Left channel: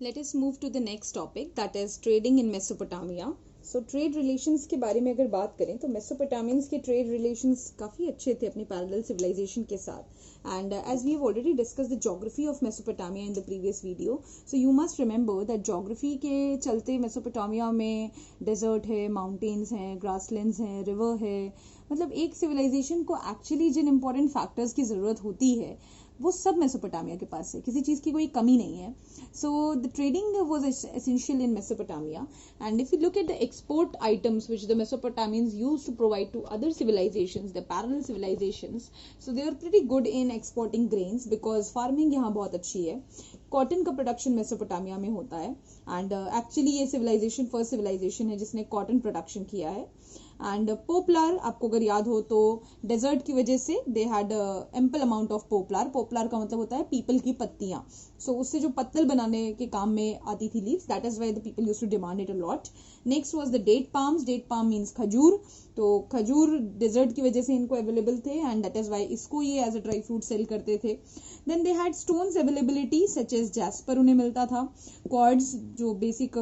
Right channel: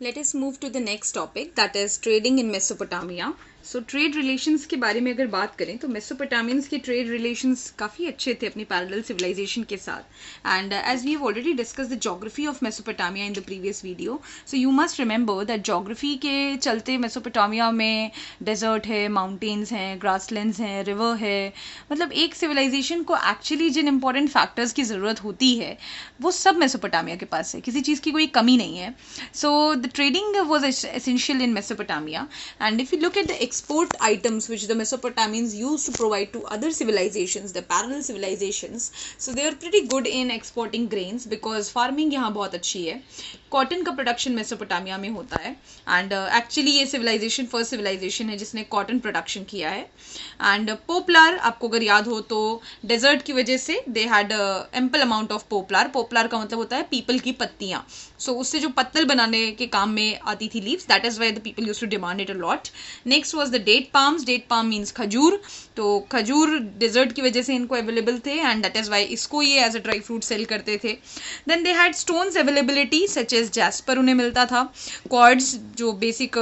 Let us move to the next topic, that is trading in Mesopotamia. So trade relations के बारे में अगर बात करें तो मेसोपोटामियंस के ट्रेड रिलेशंस काफ़ी अच्छे थे अपनी पैरेलल सिविलाइजेशन के साथ. And as we have already discuss the geography of Mesopotamia in the previous video, so you must remember that geography के चलते मेसोपोटामिया में डेजर्ट है, माउंटेन्स हैं, ग्रासलैंड्स हैं, रिवर है. मतलब एक सिविलाइजेशन को एक्चुअली जिन इंपॉर्टेंट फैक्टर्स की ज़रूरत होती है वो सब मेसोपोटामिया के पास है, किसी चीज़ की कोई कमी नहीं है. So the trading was essential in Mesopotamia. And if you look at the export items which the Mesopotamians used to provide to other civilizations, the parallel civilizations, so they are pretty good in exporting grains because farming यहाँ बहुत अच्छी है. Cotton का production Mesopotamia में होता है and actually ये civilisation first civilisation है जिसने कॉटन प्रोडक्शन किया है. एंड पोपलार, आपको अगर याद हो तो डेजर्ट की वजह से they had ample amount of poplar. Poplar का मतलब होता है पीपल की पत्तियाँ. सो उससे जो पत्तल बनाने के काम में आती थी leaves, that is why the people used to demand it a lot. Next was the date palms. Date palm means खजूर. तो खजूर डेजर्ट की वजह से इनको अवेलेबल थे एंड दैट इज वाई इसको ये as a dry fruit sale करते थे. Then they had stones availability such as jasper उन्हें मिलता था. क्वार्ट्ज जो बेसिक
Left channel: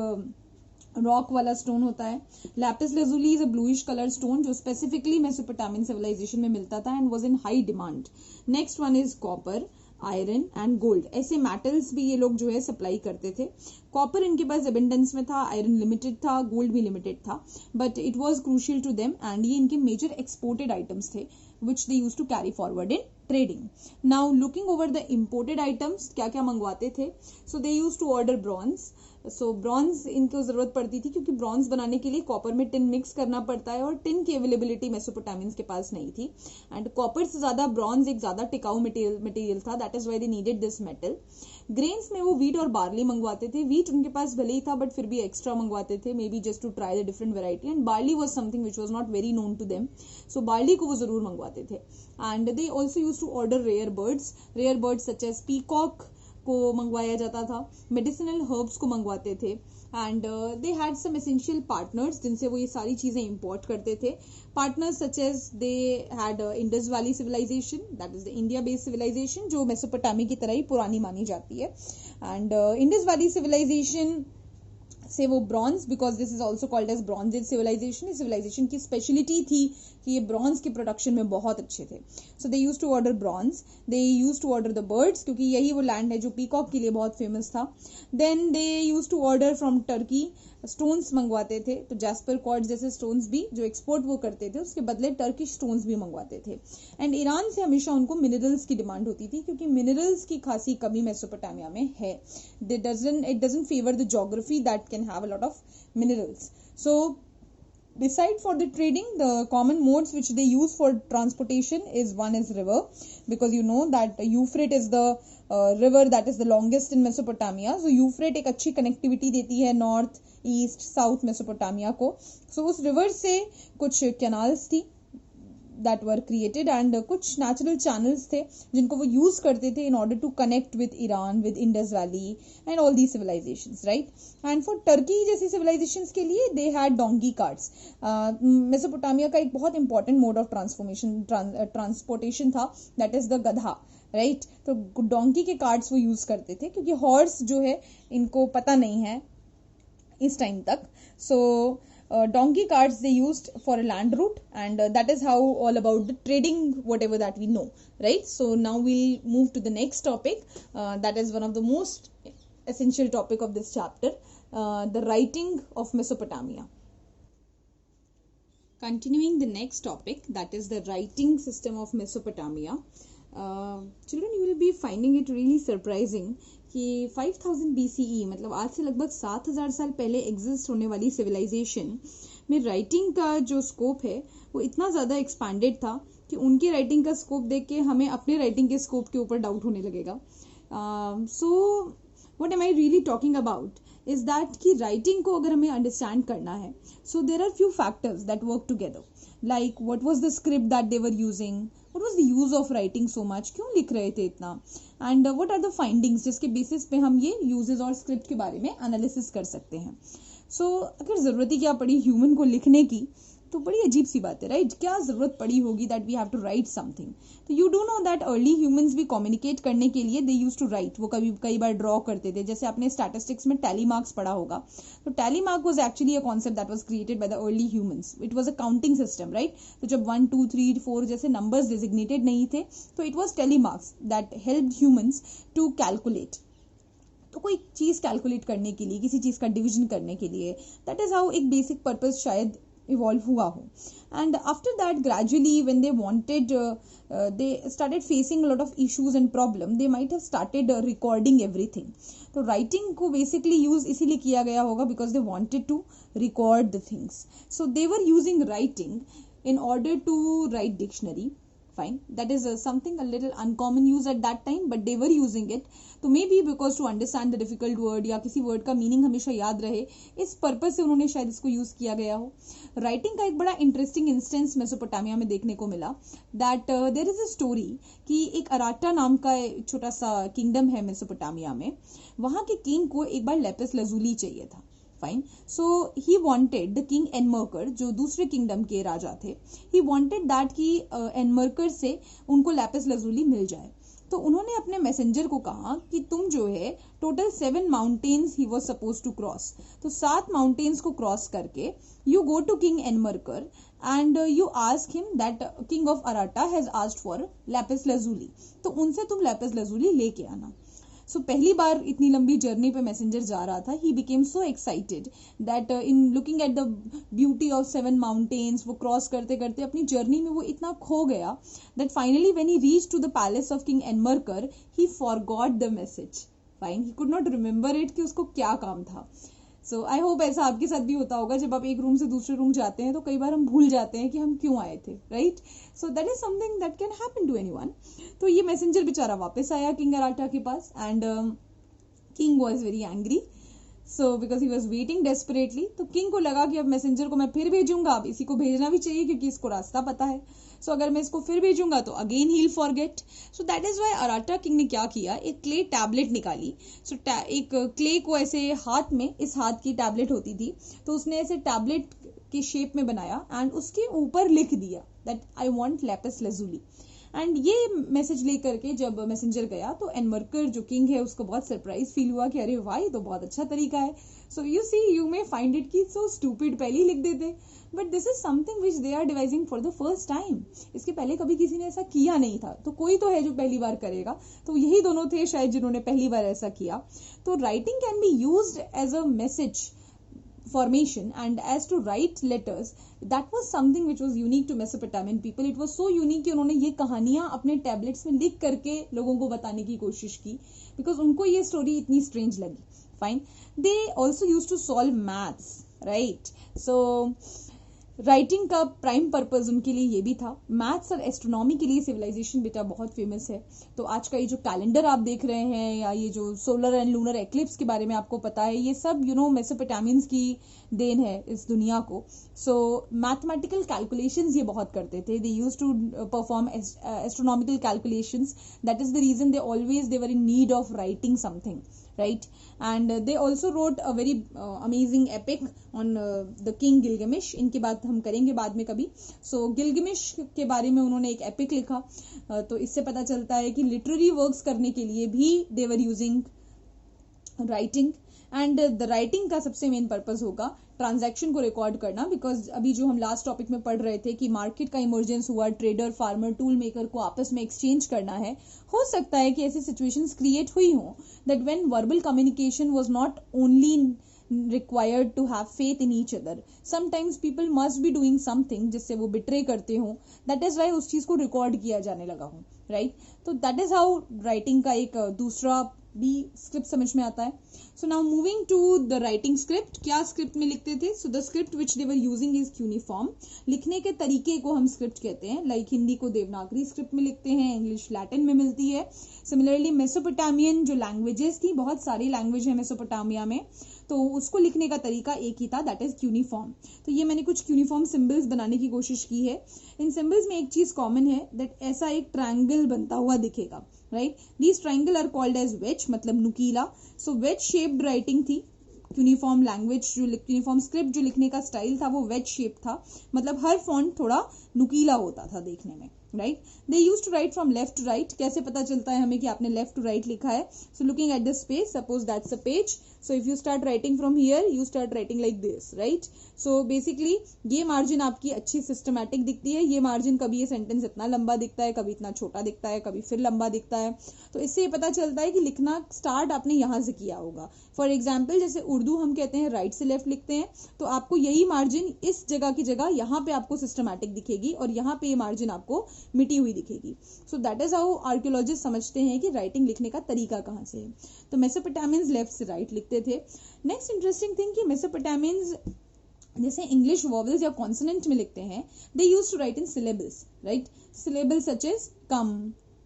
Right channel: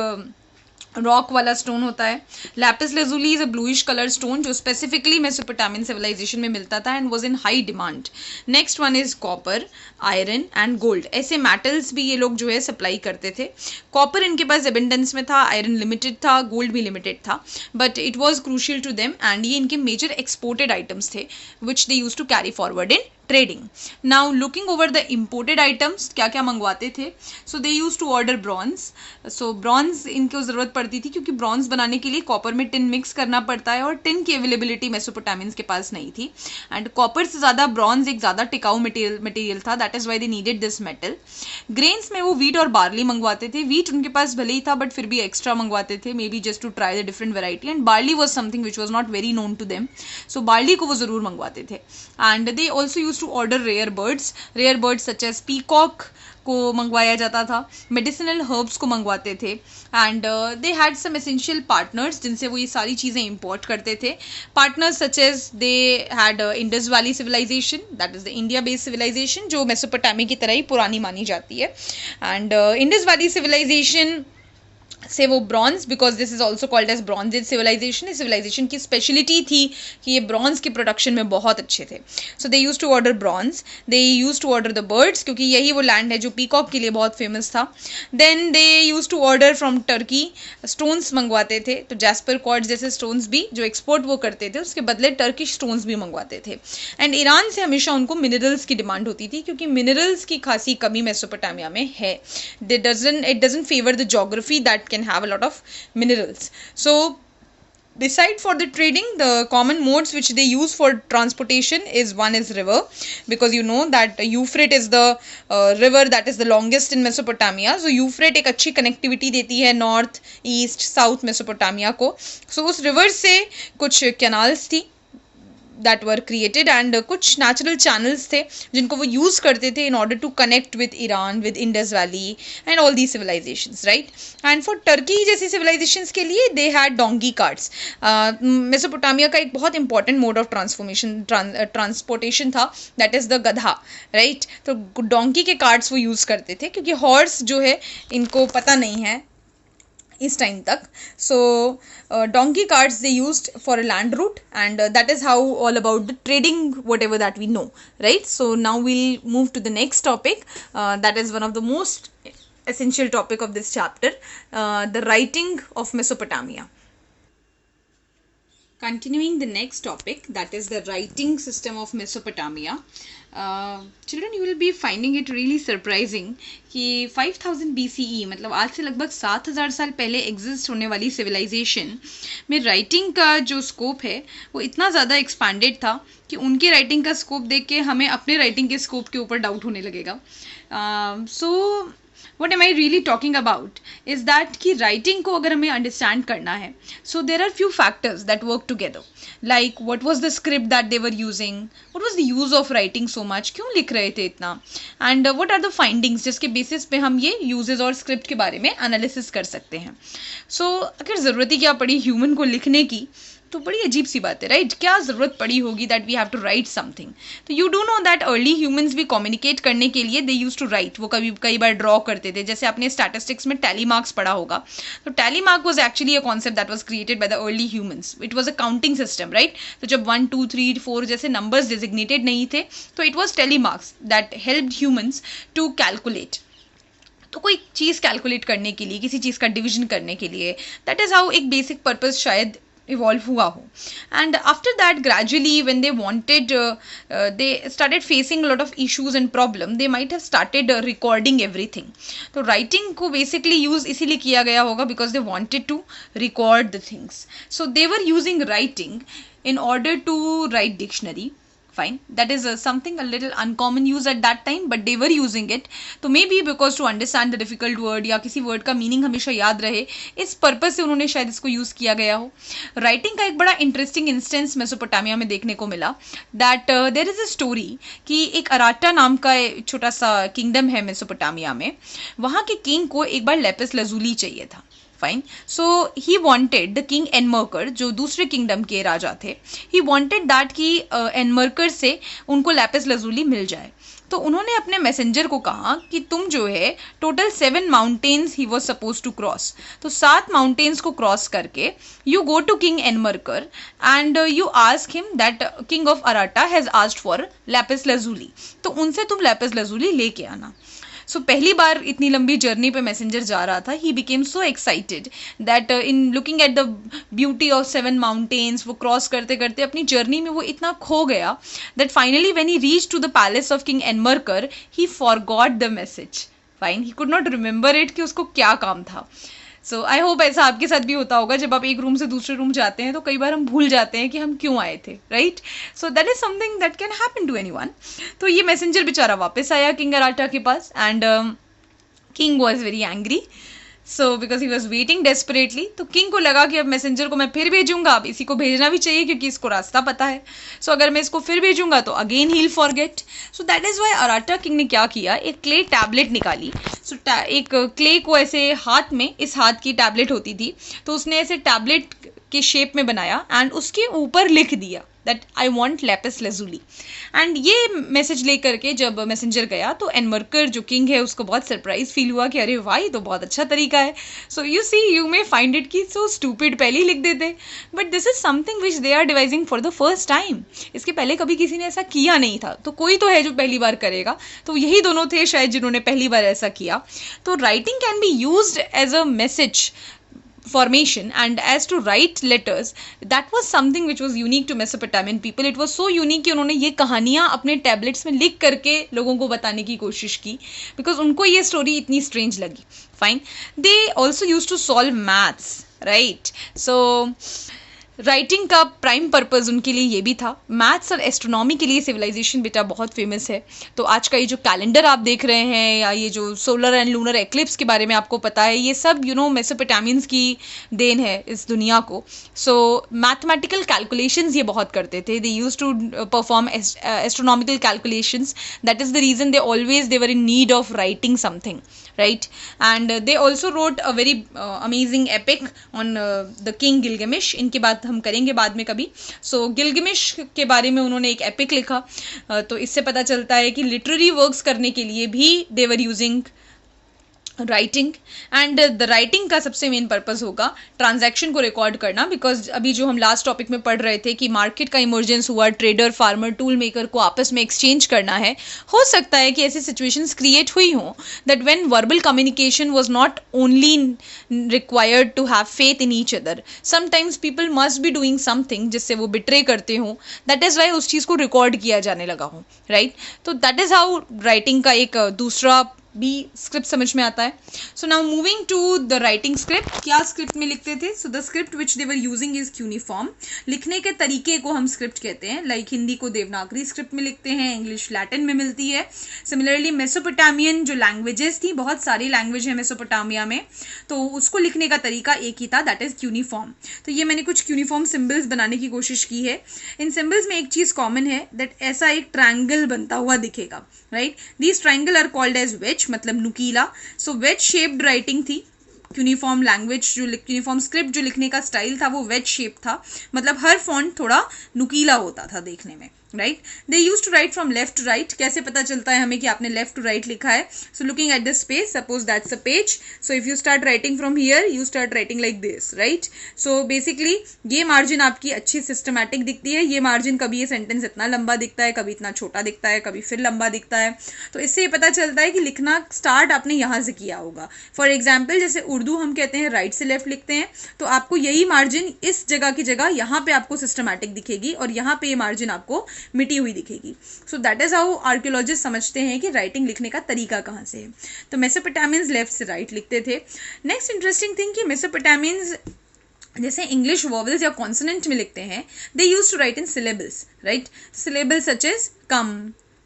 रॉक वाला स्टोन होता है. Lapis lazuli is a bluish colour stone जो स्पेसिफिकली मेसोपोटामियन सिविलाइजेशन में मिलता था and was in high demand. Next one is copper, iron and gold. ऐसे मेटल्स भी ये लोग जो है सप्लाई करते थे. कॉपर इनके पास एबेंडेंस में था, आयरन लिमिटेड था, गोल्ड भी लिमिटेड था, but it was crucial to them and ये इनके मेजर एक्सपोर्टेड आइटम्स थे which they use to carry forward in trading. Now looking over the imported items, क्या क्या मंगवाते थे. So they use to order bronze. So bronze इनको ज़रूरत पड़ती थी क्योंकि ब्रॉन्ज बनाने के लिए कॉपर में टिन मिक्स करना पड़ता है और टिन की अवेलेबिलिटी मेसोपोटामियंस के पास नहीं थी. एंड कॉपर से ज़्यादा ब्रॉन्ज एक ज़्यादा टिकाऊ मटेरियल था, that is why they needed this metal. Grains में वो वीट और बार्ली मंगवाते थे. वीट उनके पास भले ही था बट फिर भी एक्स्ट्रा मंगवाते थे, maybe just to try the different variety. And barley was something which was not very known to them, so barley को वो ज़रूर मंगवाते थे. And they also use to order rare birds such as peacock को मंगवाया जाता था. Medicinal herbs को मंगवाते थे. And they had some essential partners जिनसे वो ये सारी चीज़ें इंपोर्ट करते थे. Partners such as they had Indus valley civilization, that is the India based civilization जो मेसोपोटामिया की तरह ही पुरानी मानी जाती है. एंड इंडस वैली सिविलाइजेशन से वो bronze, because this is also called as bronze age civilization. इस सिविलाइजेशन की स्पेशलिटी थी कि ये ब्रॉन्ज के प्रोडक्शन में बहुत अच्छे थे. So they use to order bronze. They use to order the birds क्योंकि यही वो लैंड है जो पीकॉक के लिए बहुत फेमस था. Then they use to order from Turkey. Stones मंगवाते थे, तो जैस्पर क्वार्ट्ज जैसे स्टोन्स भी जो एक्सपोर्ट वो करते थे उसके बदले टर्किश स्टोन्स भी मंगवाते थे. एंड ईरान से हमेशा उनको मिनरल्स की डिमांड होती थी क्योंकि मिनरल्स की खासी कमी मेसोपोटामिया में है. It doesn't favour the geography that can have a lot of minerals. So beside for the trading, the common modes which they use for transportation is one is river, because you know that Euphrates is the river that is the longest in Mesopotamia. So Euphrates एक अच्छी connectivity देती है north, east, south Mesopotamia को. So उस river से कुछ canals थी that were created and कुछ natural channels थे जिनको वो use करते थे in order to connect with Iran, with Indus Valley and all these civilizations, right? And for Turkey जैसी civilizations के लिए they had donkey carts. Mesopotamia का एक बहुत important mode of transportation था, that is the गधा, right? तो donkey के carts वो use करते थे क्योंकि horse जो है इनको पता नहीं है इस टाइम तक. सो donkey carts they used for a land route and that is how all about the trading whatever that we know, right? So now we'll move to the next topic, that is one of the most essential topic of this chapter, the writing of Mesopotamia. Continuing the next topic, that is the writing system of Mesopotamia. Children, you will be finding it really surprising कि 5000 BCE मतलब आज से लगभग 7000 साल पहले exist होने वाली civilisation में राइटिंग का जो स्कोप है वो इतना ज़्यादा एक्सपैंडेड था कि उनके राइटिंग का स्कोप देख के हमें अपने राइटिंग के स्कोप के ऊपर डाउट होने लगेगा. सो what am I really talking about is that कि writing को अगर हमें understand करना है, so there are few factors that work together, like what was the script that they were using, what was the use of writing so much, क्यों लिख रहे थे इतना, and what are the findings जिसके basis पे हम ये uses और script के बारे में analysis कर सकते हैं. so अगर ज़रूरत ही क्या पड़ी human को लिखने की, तो बड़ी अजीब सी बात है, राइट? क्या ज़रूरत पड़ी होगी that we have to write something? तो you do know that early humans भी कम्युनिकेट करने के लिए दे यूज टू राइट. वो कई बार ड्रॉ करते थे. जैसे आपने स्टैटिस्टिक्स में टैली मार्क्स पढ़ा होगा. तो tally mark was actually a concept that was created by the early humans. It was a counting system, right? तो जब 1 2 3 4 जैसे नंबर्स डिजिग्नेटेड नहीं थे, तो it was tally marks that helped humans to calculate. तो कोई चीज़ कैलकुलेट करने के लिए, किसी चीज़ का डिवीजन करने के लिए, दैट इज़ हाउ एक बेसिक पर्पज शायद इवॉल्व हुआ हो. And after that gradually when they wanted, they started facing lot of issues and problem, they might have started recording everything. तो राइटिंग को बेसिकली यूज इसीलिए किया गया होगा because they wanted to record the things. So they were using writing in order to write dictionary. Fine, that is something a little uncommon use at that time, but they were using it. तो maybe because to understand the difficult word या किसी word का meaning हमेशा याद रहे, इस purpose से उन्होंने शायद इसको use किया गया हो. Writing का एक बड़ा interesting instance मेसोपोटामिया में देखने को मिला, that there is a story कि एक अराटा नाम का छोटा सा kingdom है मेसोपोटामिया में. वहाँ के king को एक बार लेपिस लजूली चाहिए था. Fine. So he wanted the king Enmerkar, जो दूसरे किंगडम के राजा थे, ही वॉन्टेड दैट कि एनमर्कर से उनको लैपिस लजूली मिल जाए. तो उन्होंने अपने मैसेंजर को कहा कि तुम जो है total 7 mountains he was supposed to cross. तो 7 माउंटेन्स को क्रॉस करके you go to king Enmerkar and you ask him that king of Aratta has asked for lapis lazuli. तो उनसे तुम लैपिस लजूली लेके आना. सो पहली बार इतनी लंबी जर्नी पे मैसेंजर जा रहा था. He became so excited that in looking at the beauty of 7 mountains, वो क्रॉस करते करते अपनी जर्नी में वो इतना खो गया that finally when he reach to the palace of king Enmerkar he forgot the message. Fine, he could not remember it कि उसको क्या काम था. सो आई होप ऐसा आपके साथ भी होता होगा. जब आप एक रूम से दूसरे रूम जाते हैं तो कई बार हम भूल जाते हैं कि हम क्यों आए थे, right? So that is something that can happen to anyone. तो ये मैसेंजर बेचारा वापस आया किंग अराटा के पास and king was very angry. So because he was waiting desperately. तो किंग को लगा कि अब मैसेंजर को मैं फिर भेजूंगा, अब इसी को भेजना भी चाहिए क्योंकि इसको रास्ता पता है. सो अगर मैं इसको फिर भेजूंगा तो again he will forget. So that is why Aratta king ने क्या किया, एक क्ले टैबलेट निकाली. सो एक क्ले को ऐसे हाथ में, इस हाथ की टैबलेट होती थी, तो उसने ऐसे टैबलेट के शेप में बनाया एंड उसके ऊपर लिख दिया that I want Lapis lazuli. And ये मैसेज लेकर के जब मैसेंजर गया तो एनमर्कर जो किंग है उसको बहुत सरप्राइज फील हुआ कि अरे वाह, ये तो बहुत अच्छा तरीका है. So you see, you may find it कि सो स्टूपिड, पहले ही लिख देते, but this is something which they are devising for the first time. इसके पहले कभी किसी ने ऐसा किया नहीं था. तो कोई तो है जो पहली बार करेगा. तो यही दोनों थे शायद जिन्होंने पहली बार ऐसा किया. तो writing can be used as a message formation, and as to write letters, that was something which was unique to Mesopotamian people. It was so unique कि उन्होंने ये कहानियाँ अपने टैबलेट्स में लिख करके लोगों को बताने की कोशिश की because उनको ये स्टोरी इतनी स्ट्रेंज लगी. Fine. They also use to solve maths, right? So writing का प्राइम पर्पज़ उनके लिए ये भी था. मैथ्स और एस्ट्रोनॉमी के लिए सिविलाइजेशन बेटा बहुत फेमस है. तो आज का ये जो कैलेंडर आप देख रहे हैं या ये जो सोलर एंड लूनर एक्लिप्स के बारे में आपको पता है, ये सब मेसोपोटामियंस की देन है इस दुनिया को. सो मैथमेटिकल कैलकुलेशंस ये बहुत करते थे. They use to perform astronomical calculations. That is the reason they were in need of writing something, right? And they also wrote a very amazing epic on the king Gilgamesh. इनकी बात हम करेंगे बाद में कभी. So गिलगमिश के बारे में उन्होंने एक एपिक लिखा. तो इससे पता चलता है कि लिटरेरी वर्क्स करने के लिए भी they were using writing. And the writing का सबसे मेन पर्पस होगा ट्रांजैक्शन को रिकॉर्ड करना. बिकॉज अभी जो हम लास्ट टॉपिक में पढ़ रहे थे कि मार्केट का इमर्जेंस हुआ, ट्रेडर, फार्मर, टूल मेकर को आपस में एक्सचेंज करना है. हो सकता है कि ऐसी सिचुएशंस क्रिएट हुई हों that when verbal communication was not only required to have faith in each other, sometimes people must be doing something जिससे वो बिट्रे करते हों. दैट इज़ वाई उस चीज़ को रिकॉर्ड किया जाने लगा हो, राइट? तो दैट इज़ हाउ राइटिंग का एक दूसरा भी स्क्रिप्ट समझ में आता है. So now moving to the writing script. क्या स्क्रिप्ट में लिखते थे? So the script which they were using is cuneiform. लिखने के तरीके को हम स्क्रिप्ट कहते हैं. लाइक हिंदी को देवनागरी स्क्रिप्ट में लिखते हैं, इंग्लिश लैटिन में मिलती है. सिमिलरली मेसोपोटामियन जो लैंग्वेजेस थी, बहुत सारी लैंग्वेज है मेसोपोटामिया में, तो उसको लिखने का तरीका एक ही था, दैट इज क्यूनिफॉर्म. तो ये मैंने कुछ क्यूनिफॉर्म सिम्बल्स बनाने की कोशिश की है. इन सिम्बल्स में एक चीज़ कॉमन है, दैट ऐसा एक ट्रायंगल बनता हुआ दिखेगा, right? These triangle are called as wedge, मतलब नुकीला. सो वेज शेप्ड राइटिंग थी यूनिफॉर्म लैंग्वेज जो यूनिफॉर्म स्क्रिप्ट जो लिखने का स्टाइल था वो वेज शेप था, मतलब हर फॉन्ट थोड़ा नुकीला होता था देखने में, right. They use to write from left to right. कैसे पता चलता है हमें कि आपने लेफ्ट टू राइट लिखा है? So looking at the space, suppose that's a page, so if you start writing from here you start writing like this, right. So basically ये मार्जिन आपकी अच्छी सिस्टमैटिक दिखती है. ये मार्जिन कभी ये सेंटेंस इतना लंबा दिखता है, कभी इतना छोटा दिखता है, कभी फिर लंबा दिखता है. तो इससे ये पता चलता है कि लिखना स्टार्ट आपने यहाँ से किया होगा. फॉर एग्जाम्पल जैसे उर्दू हम कहते हैं राइट से लेफ्ट लिखते हैं, तो आपको यही मार्जिन इस जगह की जगह यहाँ पे आपको सिस्टमैटिक दिखेगी और यहाँ पे ये मार्जिन आपको मिटी हुई दिखेगी. सो दैट इज हाउ आर्कियोलॉजिस्ट समझते हैं कि राइटिंग लिखने का तरीका कहाँ से है. तो मेसोपोटामियंस लेफ्ट से राइट लिखते थे. नेक्स्ट इंटरेस्टिंग थिंग कि मेसोपोटामियंस जैसे इंग्लिश वॉवल्स या कॉन्सोनेंट में लिखते हैं, they use to write in syllables, right. Syllables such as come,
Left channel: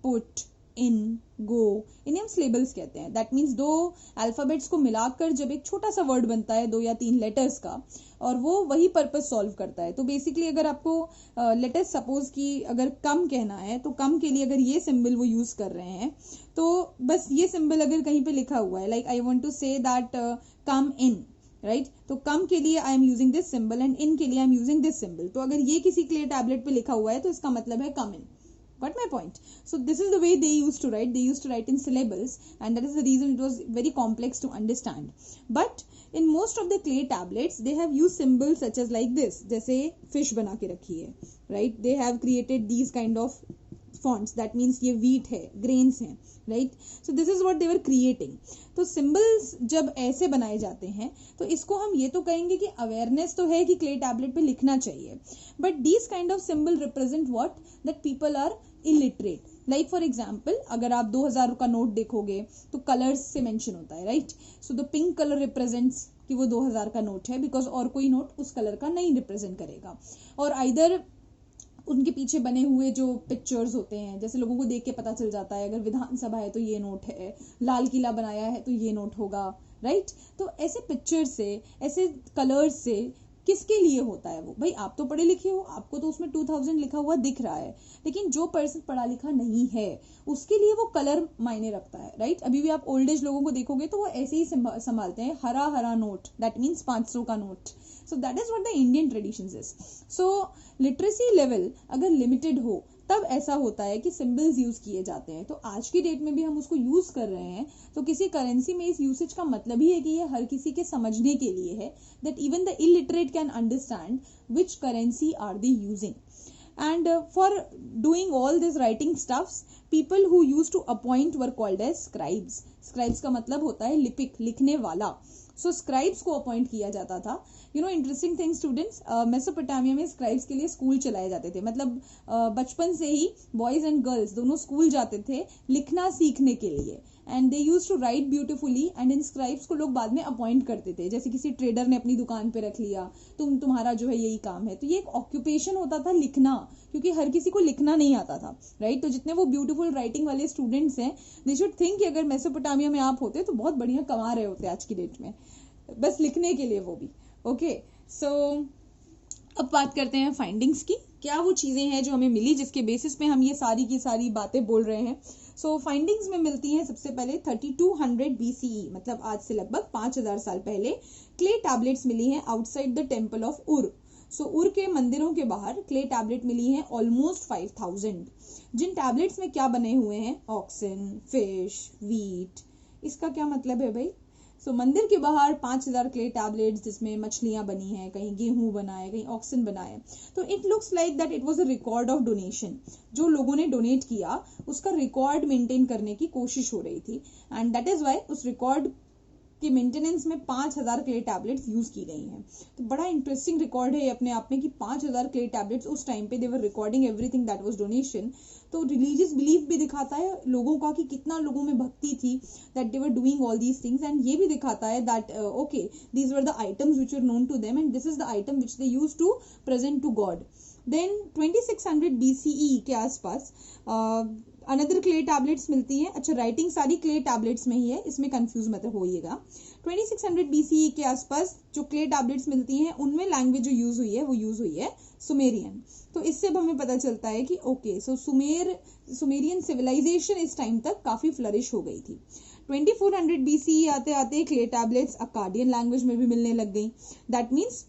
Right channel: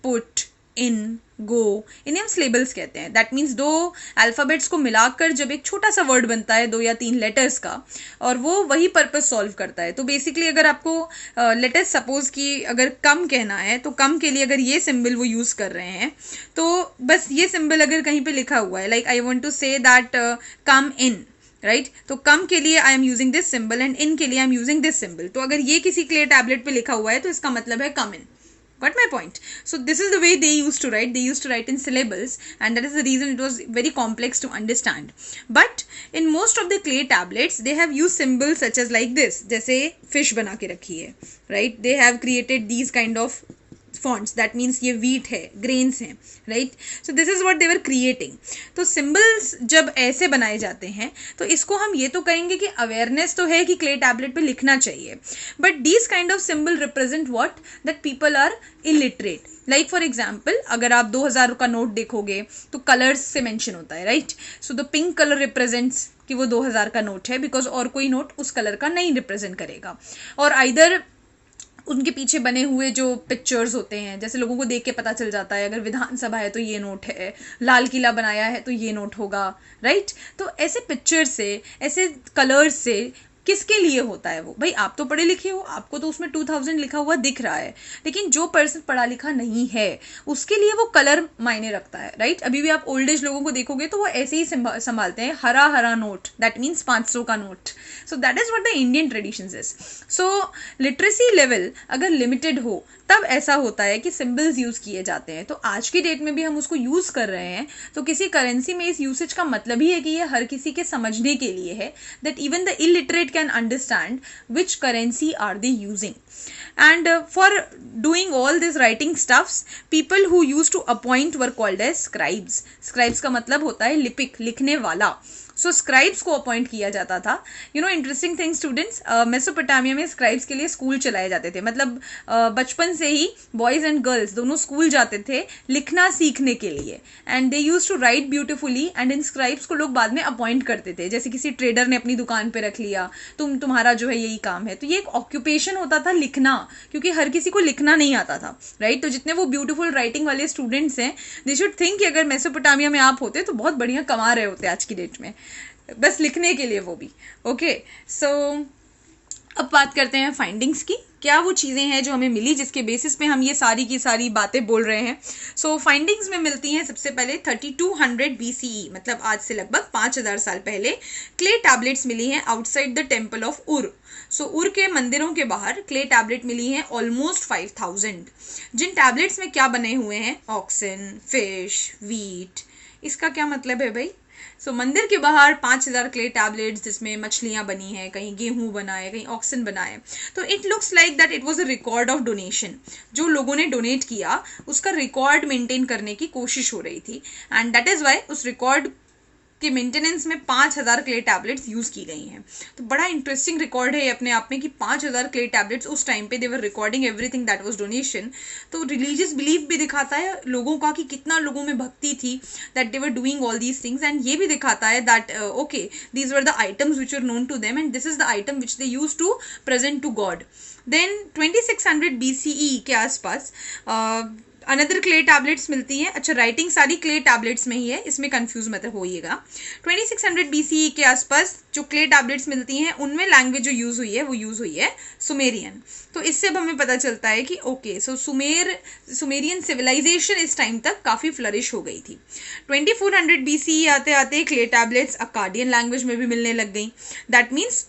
put, in, go, इन्हें हम सिलेबल्स कहते हैं. दैट मीन्स दो अल्फ़ाबेट्स को मिलाकर जब एक छोटा सा वर्ड बनता है 2 या 3 लेटर्स का, और वो वही पर्पस सॉल्व करता है. तो बेसिकली अगर आपको लेटर्स सपोज कि अगर कम कहना है तो कम के लिए अगर ये सिंबल वो यूज़ कर रहे हैं, तो बस ये सिंबल अगर कहीं पे लिखा हुआ है like I want to say that come in, right. तो कम के लिए I am using this symbol and in के लिए I am using this symbol. तो अगर ये किसी क्ले टैबलेट पे लिखा हुआ है तो इसका मतलब है कम इन. Got my point? So this is the way they used to write. They used to write in syllables, and that is the reason it was very complex to understand. But in most of the clay tablets, they have used symbols such as like this. जैसे fish बना के रखी है, right? They have created these kind of fonts. That means ये wheat है, grains हैं, right? So this is what they were creating. तो symbols जब ऐसे बनाए जाते हैं तो इसको हम ये तो कहेंगे कि awareness तो है कि clay tablet पे लिखना चाहिए, but these kind of symbol represent what? That people are illiterate. Like for example अगर आप 2000 का नोट देखोगे तो कलर्स से मेंशन होता है, right. So the pink colour represents कि वो 2000 का नोट है, बिकॉज और कोई नोट उस कलर का नहीं रिप्रेजेंट करेगा. और आइदर उनके पीछे बने हुए जो पिक्चर्स होते हैं, जैसे लोगों को देख के पता चल जाता है अगर विधानसभा है तो ये नोट है, लाल किला बनाया है तो ये नोट होगा, राइट. तो ऐसे पिक्चर से, ऐसे कलर्स से किसके लिए होता है वो? भाई आप तो पढ़े लिखे हो, आपको तो उसमें 2000 लिखा हुआ दिख रहा है, लेकिन जो पर्सन पढ़ा लिखा नहीं है उसके लिए वो कलर मायने रखता है, राइट. अभी भी आप ओल्ड एज लोगों को देखोगे तो वो ऐसे ही संभालते हैं, हरा हरा नोट, दैट मीन्स 500 का note. So that is what the Indian traditions is. So literacy level अगर लिमिटेड हो तब ऐसा होता है कि सिंबल्स यूज किए जाते हैं. तो आज की डेट में भी हम उसको यूज कर रहे हैं, तो किसी करेंसी में इस यूसेज का मतलब ही है कि ये हर किसी के समझने के लिए है, that even the illiterate can understand which currency are they using. And for doing all this writing stuffs, people who used to appoint were called as scribes. Scribes का मतलब होता है लिपिक, लिखने वाला. सो स्क्राइब्स को अपॉइंट किया जाता था. You know interesting thing students, Mesopotamia में स्क्राइब्स के लिए स्कूल चलाए जाते थे. मतलब बचपन से ही बॉयज़ एंड गर्ल्स दोनों स्कूल जाते थे लिखना सीखने के लिए, and they use to write beautifully. And इन स्क्राइब्स को लोग बाद में अपॉइंट करते थे, जैसे किसी ट्रेडर ने अपनी दुकान पे रख लिया, तुम्हारा जो है यही काम है. तो ये एक ऑक्यूपेशन होता था लिखना, क्योंकि हर किसी को लिखना नहीं आता था, राइट. तो जितने वो ब्यूटीफुल राइटिंग वाले स्टूडेंट्स हैं, दे शुड थिंक कि अगर मेसोपोटामिया में आप होते तो बहुत बढ़िया कमा रहे होते आज की डेट में, बस लिखने के लिए वो भी. ओके, सो अब बात करते हैं फाइंडिंग्स की. क्या वो चीज़ें हैं जो हमें मिली जिसके बेसिस पे हम ये सारी की सारी बातें बोल रहे हैं. सो फाइंडिंग्स में मिलती हैं सबसे पहले 3200 BCE, मतलब आज से लगभग 5000 साल पहले क्ले टैबलेट्स मिली हैं आउटसाइड द टेम्पल ऑफ उर. सो उर के मंदिरों के बाहर क्ले टैबलेट मिली हैं ऑलमोस्ट 5000. जिन टैबलेट्स में क्या बने हुए हैं? Oxen, fish, wheat. इसका क्या मतलब है भाई? सो मंदिर के बाहर 5000 क्ले टैबलेट्स जिसमें मछलियां बनी हैं, कहीं गेहूं बना है, कहीं ऑक्सन बना है. तो it looks like that it was a record of donation. जो लोगों ने डोनेट किया उसका रिकॉर्ड मेंटेन करने की कोशिश हो रही थी, एंड दैट इज वाई उस रिकॉर्ड के मेंटेनेंस में 5000 क्ले टैबलेट्स यूज की गई हैं. तो बड़ा इंटरेस्टिंग रिकॉर्ड है अपने आप में कि 5000 क्ले टैबलेट्स उस टाइम पे they were recording everything that was donation. तो रिलीजियस बिलीफ भी दिखाता है लोगों का कि कितना लोगों में भक्ति थी, that they were doing all these things. And ये भी दिखाता है that okay, these were the items which are known to them and this is the item which they use to present to God. Then 2600 BCE के आसपास another clay tablets मिलती हैं। अच्छा, writing सारी क्ले टैबलेट्स में ही है, इसमें confuse मत होइएगा। 2600 BCE के आसपास जो क्ले टैबलेट्स मिलती हैं उनमें लैंग्वेज जो यूज़ हुई है वो यूज़ हुई है सुमेरियन। तो इससे अब हमें पता चलता है कि ओके, सो सुमेरियन सिविलाइजेशन इस टाइम तक काफ़ी फ्लरिश हो गई थी। 2400 BCE आते आते क्ले टैबलेट्स अक्काडियन लैंग्वेज में भी मिलने लग गई। दैट मीन्स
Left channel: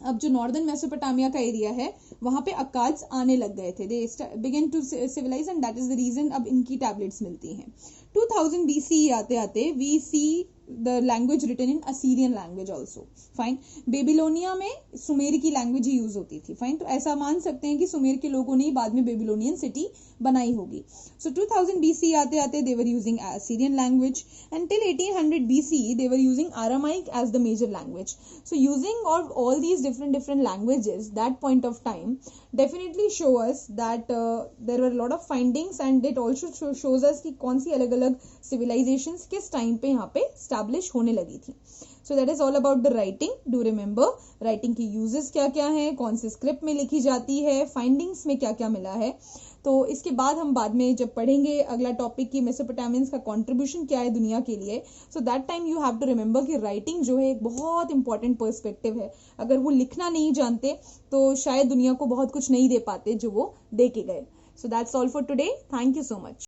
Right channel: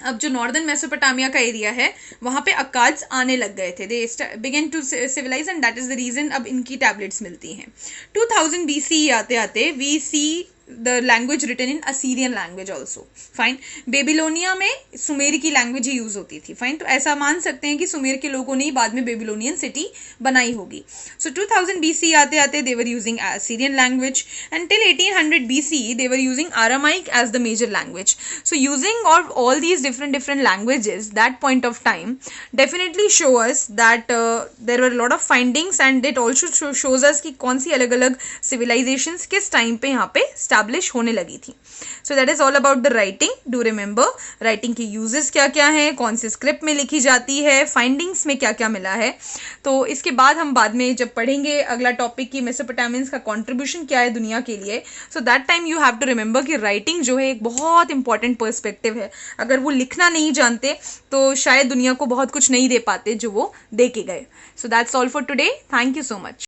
अब जो नॉर्दर्न मेसोपोटामिया का एरिया है वहाँ पे अक्काड्स आने लग गए थे। They began to civilise and that is the reason अब इनकी टैबलेट्स मिलती हैं। 2000 BCE आते आते we see the language written in Assyrian language also. Fine, Babylonia में सुमेर की लैंग्वेज ही यूज होती थी। फाइन, तो ऐसा मान सकते हैं कि सुमेर के लोगों ने ही बाद में बेबीलोनियन सिटी बनाई होगी। सो 2000 BCE आते आते they were using Assyrian language and till 1800 BCE they were using Aramaic as the major language. So using of all these different languages that point of time definitely show us that there were a lot of findings and it also shows us कि कौन सी अलग अलग civilizations किस time पे यहाँ पे establish होने लगी थी। So that is all about the writing. Do remember writing के uses क्या क्या हैं, कौन से स्क्रिप्ट में लिखी जाती है, फाइंडिंग्स में क्या क्या मिला है। तो इसके बाद हम बाद में जब पढ़ेंगे अगला टॉपिक की मेसोपोटामियंस का कंट्रीब्यूशन क्या है दुनिया के लिए, so that time you have to remember कि राइटिंग जो है एक बहुत इंपॉर्टेंट पर्सपेक्टिव है। अगर वो लिखना नहीं जानते तो शायद दुनिया को बहुत कुछ नहीं दे पाते जो वो दे के गए। So that's all for today. Thank you so much.